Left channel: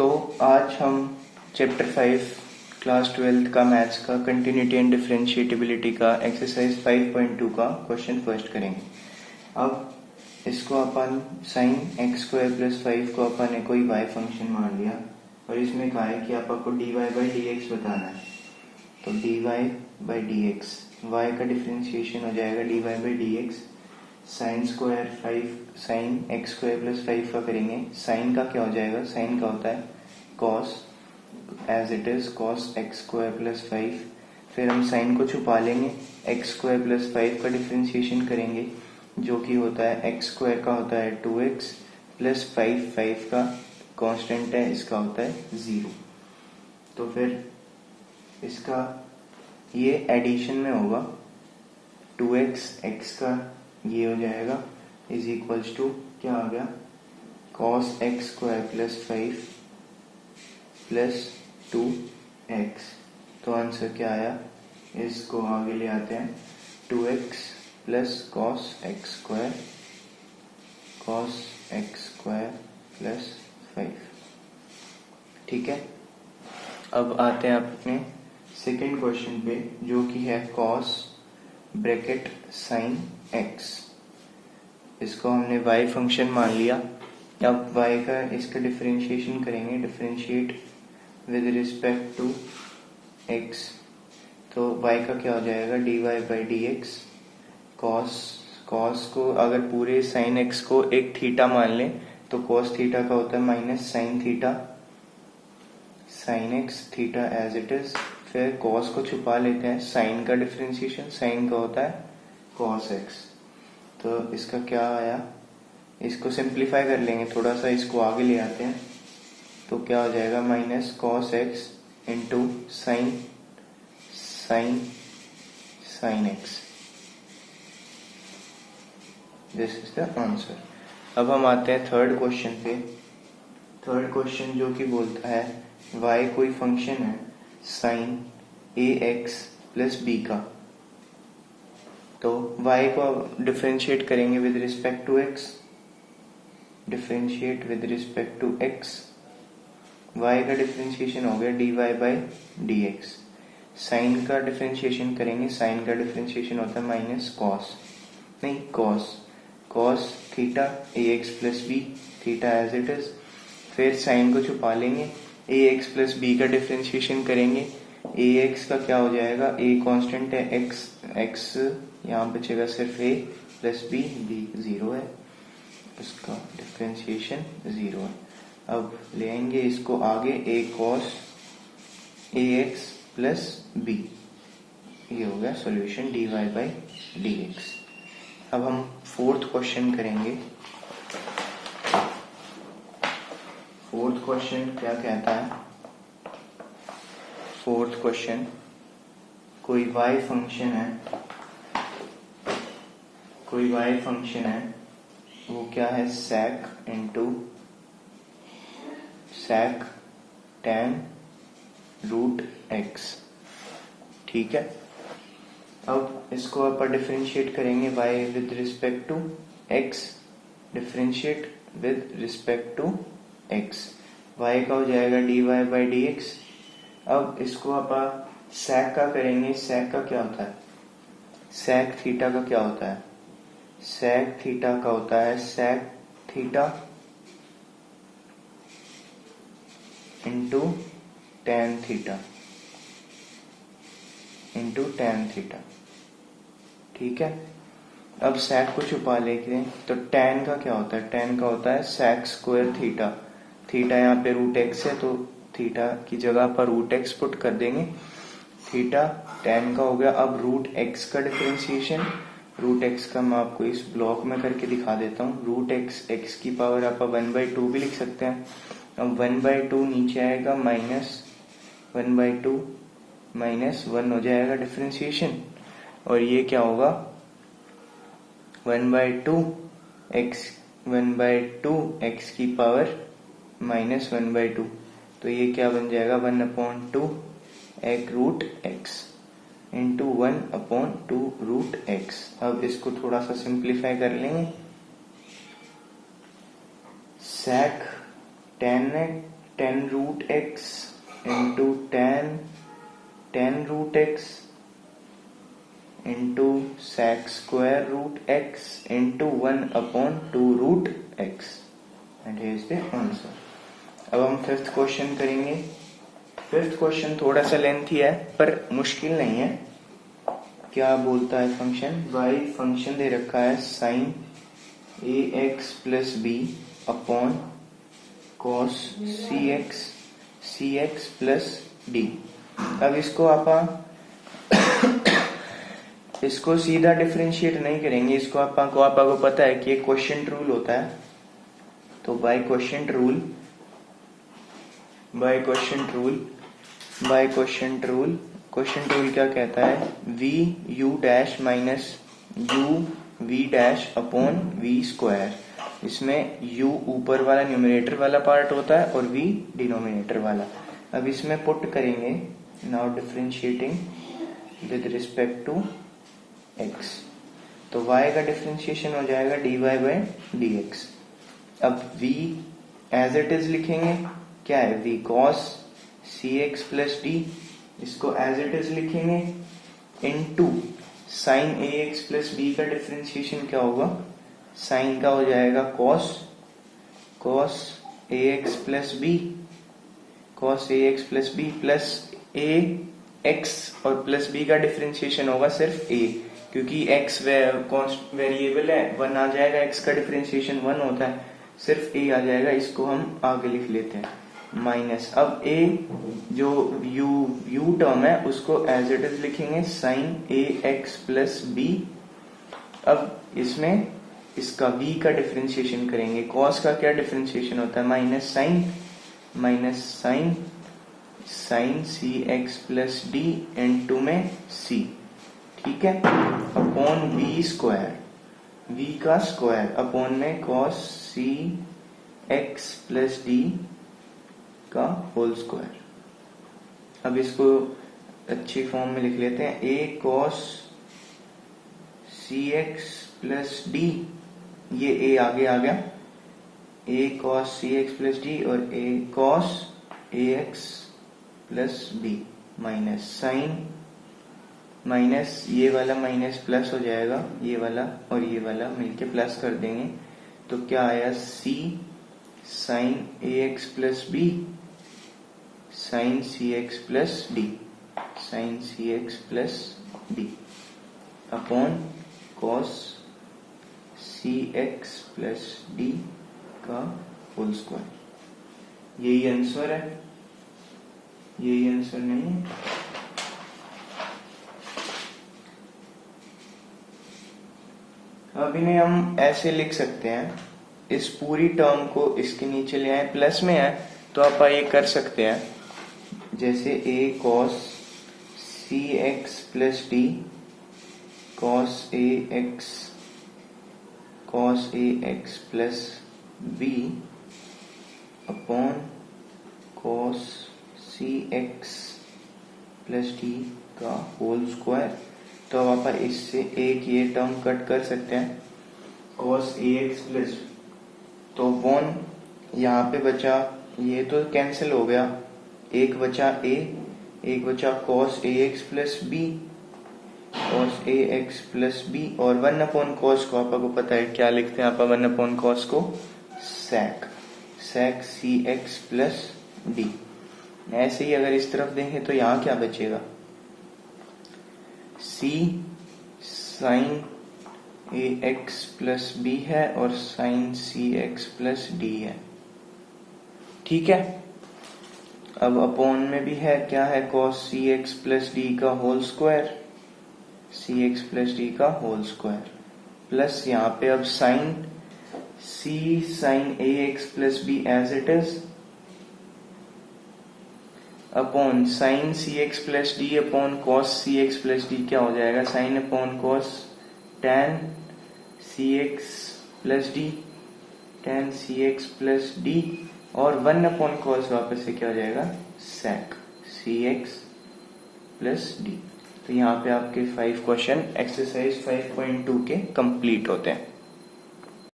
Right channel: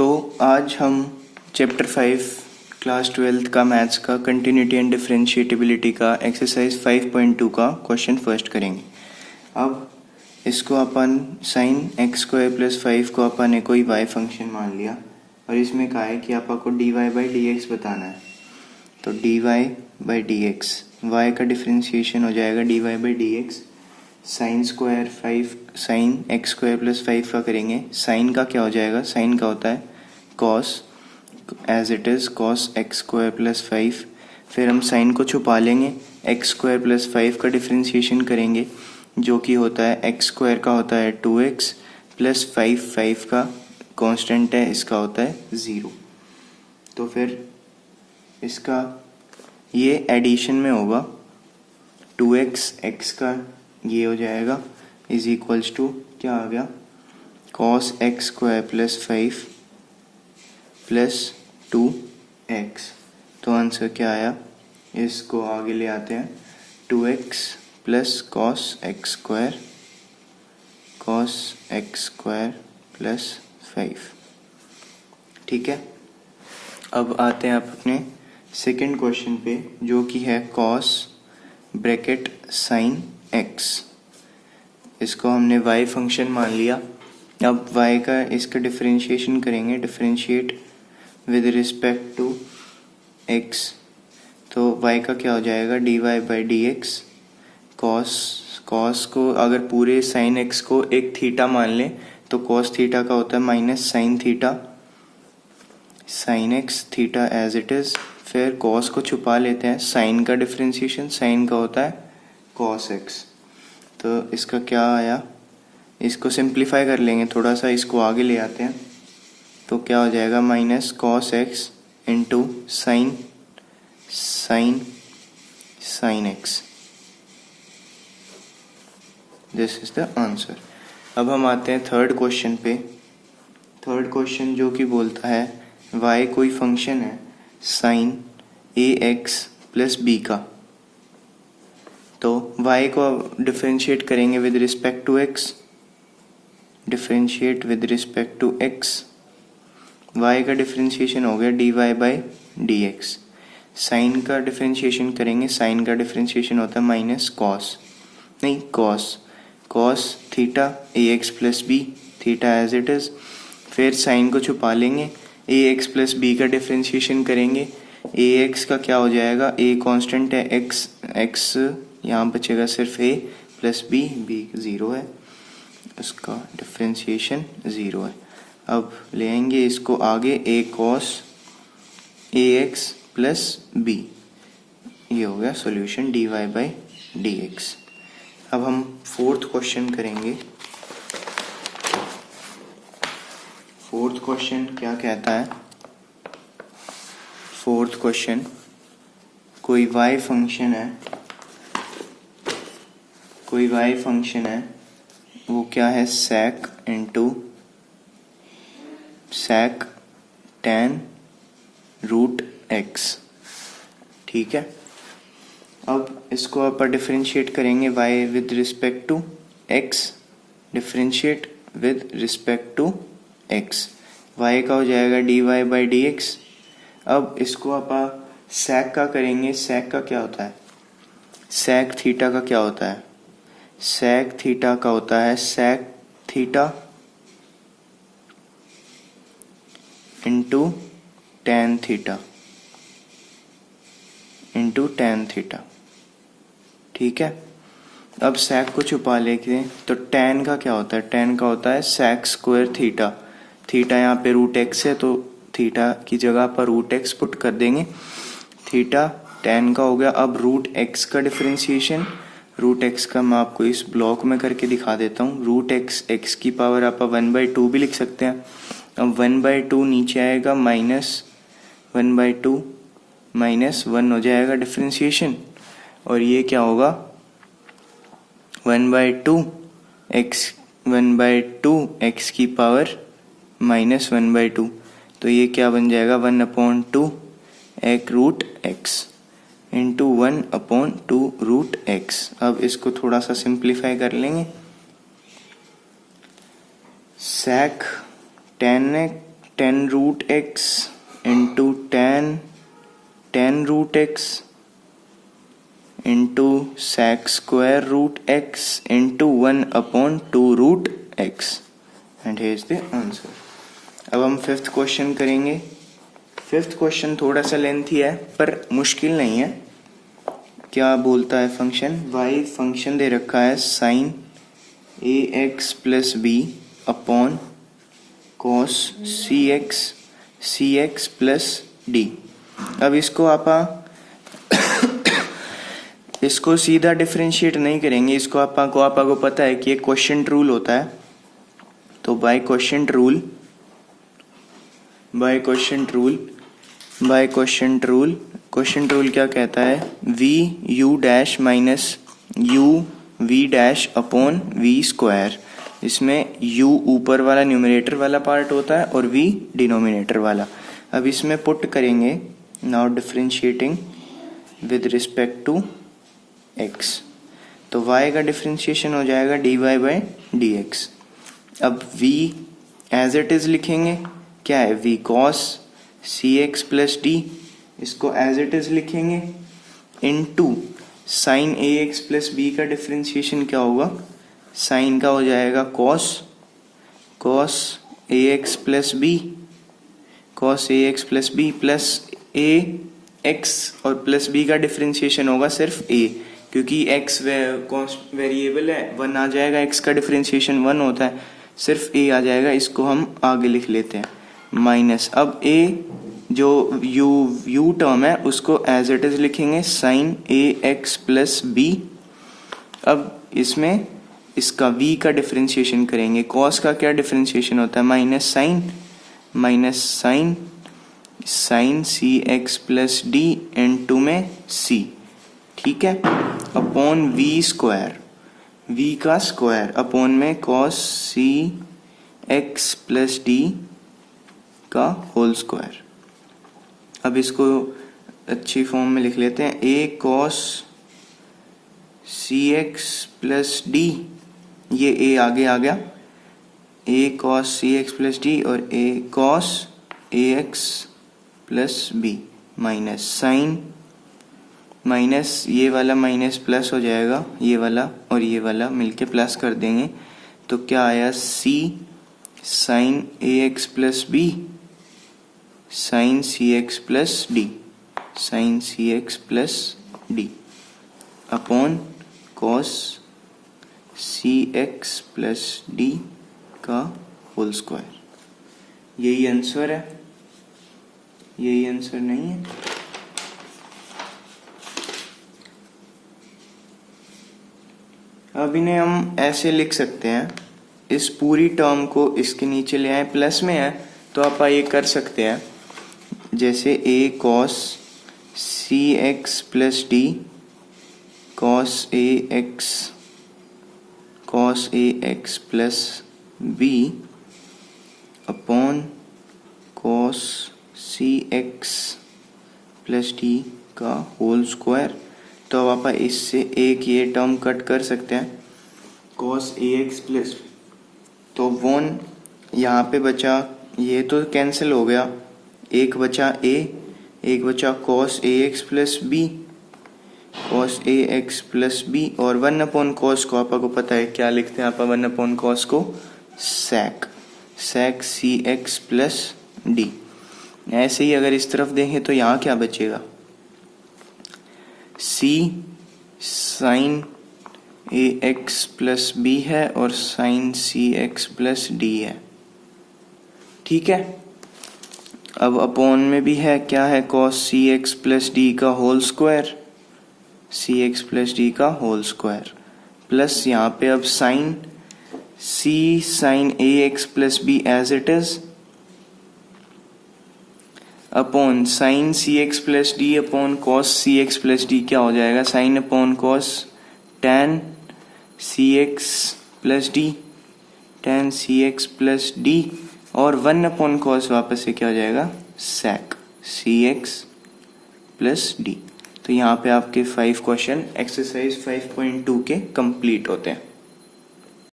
तो आज हम चैप्टर 5 क्लास 12th का मैथ्स का कंटिन्यूटी एंड डिफरेंशिएटिबिलिटी का एक्सरसाइज 5.2 का क्वेश्चन फर्स्ट करेंगे। अब इसको अपन साइन एक्स स्क्वायर प्लस 5 को अपन ने कोई वाई फंक्शन मान लिया और इसमें कहा है कि आपको d y by d x बताना है। तो d y by d x, वाई का डिफरेंशिएशन हो जाएगा d y by d x. Sine square 5 sine x square plus 5 का करेंगे। साइन का क्या हो जाएगा, साइन का होता है cos as it is cos x square plus 5। फिर हम साइन को छुपा लेंगे, एक्स स्क्वायर प्लस 5 का डिफरेंशिएशन करेंगे जो कि होता है एक्स स्क्वायर का होता है 2x प्लस 5 का कांस्टेंट है, इसका होता है 0। तो फिर इसका ये एडिशन में होगा 2x x का ये हो जाएगा इज इक्वल्स टू क्या आ गया cos x square plus 5 plus 2x। तो आंसर क्या आया, इसको आगे ले आते हैं 2x plus cos x square plus 5। ठीक है, अब आते हैं अपने सेकेंड क्वेश्चन पे जो कि है कॉस ब्रैकेट साइन एक्स। इसको हमने y फंक्शन मान लिया। अब y का इसका डिफरेंशिएशन करेंगे, differentiate with respect to x। तो y का क्या हो जाएगा d y by d x. Cos को अगर पूरे साइन x को एक थीटा मान लें तो कॉस थीटा का होता है minus sine theta, sine x theta as it is. फिर कॉस को छुपा लेते हैं, साइन का डिफरेंशिएशन साइन का होता है कॉस एक्स। तो इसका क्या आया, इसको सिंप्लीफाई कर लेंगे थोड़ा सा, इसको आगे ले आते हैं तो क्या हो जाएगा minus cos x into sine x. This is the answer. अब हम आते हैं थर्ड क्वेश्चन पे। थर्ड क्वेश्चन जो कि बोलता है y कोई फंक्शन है sine a x plus b का। तो y को डिफरेंशिएट करेंगे with respect to x, differentiate with respect to x। y का डिफरेंशिएशन हो गया d y by d x. Sine का डिफरेंशिएशन करेंगे, साइन का डिफरेंशिएशन होता है minus cos theta a x plus b, theta as it is. फिर sine को छुपा लेंगे, ए एक्स प्लस बी का डिफरेंशिएशन करेंगे। ए एक्स का क्या हो जाएगा, ए कांस्टेंट है, एक्स यहाँ बचेगा सिर्फ ए प्लस बी, बी 0 है, उसका डिफरेंशिएशन 0 है। अब ले आएंगे इसको आगे, a cos a x plus b, ये हो गया solution d y by d x. अब हम फोर्थ क्वेश्चन करेंगे। फोर्थ क्वेश्चन क्या कहता है, फोर्थ क्वेश्चन कोई y फंक्शन है, वो क्या है sec into sec tan root x। ठीक है, अब इसको आप डिफरेंशिएट करेंगे y with respect to x, differentiate with respect to x। y का हो जाएगा d y by d x. अब इसको आप sec का करेंगे, sec का क्या होता है, sec थीटा का क्या होता है, sec थीटा का होता है sec theta into tan theta. ठीक है, अब sec को छुपा लेते हैं तो tan का क्या होता है, tan का होता है sec स्क्वायर थीटा। थीटा यहाँ पे रूट एक्स है तो थीटा की जगह पर रूट एक्स पुट कर देंगे, थीटा tan का हो गया। अब रूट एक्स का डिफरेंशिएशन, रूट एक्स का मैं आपको इस ब्लॉक में करके दिखा देता हूँ। रूट एक्स की पावर आप 1/2 भी लिख सकते हैं। अब 1/2 नीचे आएगा, माइनस 1/2 माइनस 1 हो जाएगा डिफरेंशिएशन, और ये क्या होगा 1/2 एक्स की पावर माइनस 1/2। तो ये क्या बन जाएगा 1/2 एक root x into 1/2 root x. अब इसको थोड़ा सा सिंप्लीफाई कर लेंगे, sec 10 root x into ten root x into sec square root x into 1/2 root x and here is the answer. अब हम फिफ्थ क्वेश्चन करेंगे। फिफ्थ क्वेश्चन थोड़ा सा लेंथी है पर मुश्किल नहीं है। क्या बोलता है फंक्शन, y फंक्शन दे रखा है sin ax plus b upon cos cx plus d. अब इसको इसको सीधा डिफरेंशिएट नहीं करेंगे, इसको आपको पता है कि एक क्वोशिएंट रूल होता है। तो बाय क्वोशिएंट रूल क्या कहता है, v u dash minus u v dash upon v square. इसमें u ऊपर वाला न्यूमरेटर वाला पार्ट होता है और v डिनोमिनेटर वाला। अब इसमें पुट करेंगे, now differentiating with respect to x, तो y का डिफरेंशिएशन हो जाएगा dy बाई dx। अब v एज इट इज लिखेंगे, क्या है v cos cx plus d, इसको एज इट इज लिखेंगे into sine ax plus b का डिफरेंशिएशन क्या होगा, साइन का हो जाएगा cos ax plus b plus ax और प्लस b का डिफरेंशिएशन होगा सिर्फ a, क्योंकि x वेरिएबल है, 1 आ जाएगा, x का डिफरेंशिएशन 1 होता है, सिर्फ a आ जाएगा। इसको हम आगे लिख लेते हैं माइनस। अब a जो u टर्म है उसको एज इट इज लिखेंगे साइन ax प्लस b। अब इसमें इसका v का डिफरेंशिएशन करेंगे, cos का क्या डिफरेंशिएशन होता है, minus sine cx plus d n2 में c, ठीक है, अपॉन v स्क्वायर, v का स्क्वायर अपॉन में cos cx प्लस d का होल स्क्वायर। अब इसको अच्छी फॉर्म में लिख लेते हैं, a cos cx plus d, ये a आगे आ गया, a cos cx plus d और a cos ax plus b minus sine, minus ये वाला माइनस प्लस हो जाएगा, ये वाला और ये वाला मिलके प्लस कर देंगे, तो क्या आया c sine ax plus b sine cx plus d upon cos cx plus d का होल स्क्वायर। यही आंसर है, यही आंसर नहीं है। अब इन्हें हम ऐसे लिख सकते हैं, इस पूरी टर्म को इसके नीचे ले आए, प्लस में है तो आप ये कर सकते हैं, जैसे a cos cx plus d cos ax plus b upon cos cx plus d का होल स्क्वायर। तो अब आप इससे एक ये टर्म कट कर सकते हैं, cos ax प्लस, तो वन यहाँ पे बचा, ये तो कैंसिल हो गया, एक बचा a, एक बचा cos ax प्लस b, और 1/cos को आपको पता है क्या लिखते हैं आप 1/cos को, sec cx प्लस d। ऐसे ही अगर इस तरफ देखें तो यहाँ क्या बचेगा, c sine ax plus b है और साइन cx प्लस d है, ठीक है। अब अपॉन में भी है, क्या है, cos cx प्लस d का होल स्क्वायर, प्लस यहाँ पे अब sine ax plus b as it is upon sine cx plus d upon cos cx plus d, क्या हो जाएगा, sine upon cos tan cx plus d और 1/cos वापस से क्या हो जाएगा, sec cx प्लस d। तो यहाँ पे आपके 5 क्वेश्चन एक्सरसाइज 5.2 के कंप्लीट होते हैं।